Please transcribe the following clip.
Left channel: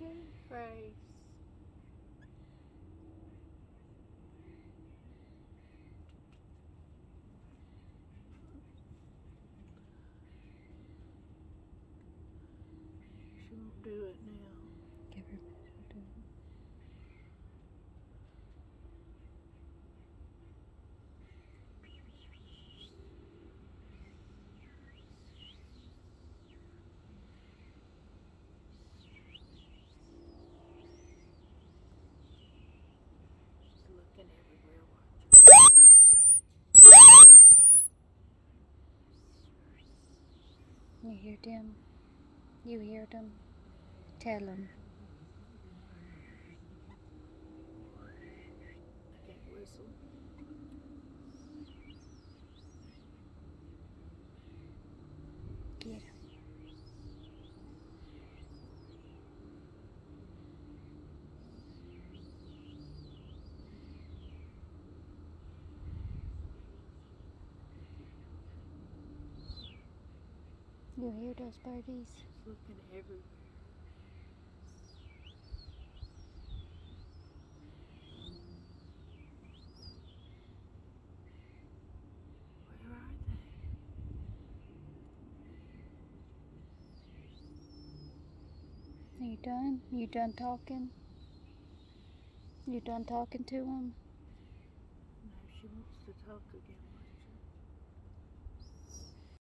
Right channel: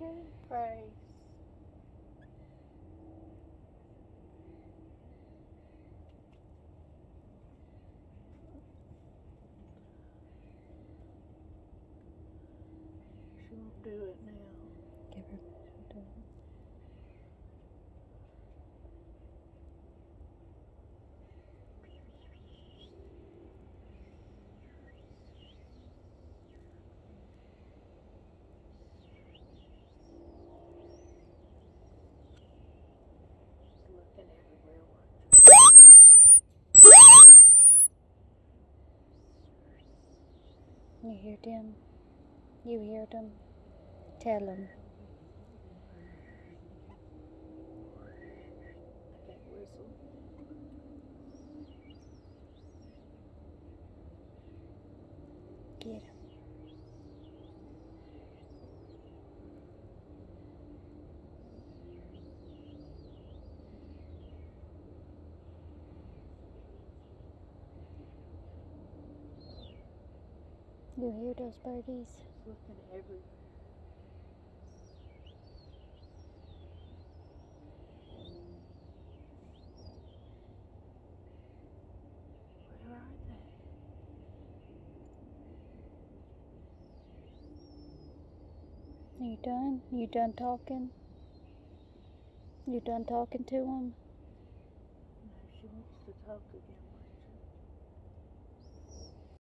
doing, Grace? She won't do it now. Give her that. She'll do it. She's looking everywhere, watching. You hear them? You hear them? Tell them. I can't whistle. Get 'em. You hear those babies? She's looking everywhere. Where are they? You done? You done talking? You done talking to them? No, she wants to talk again.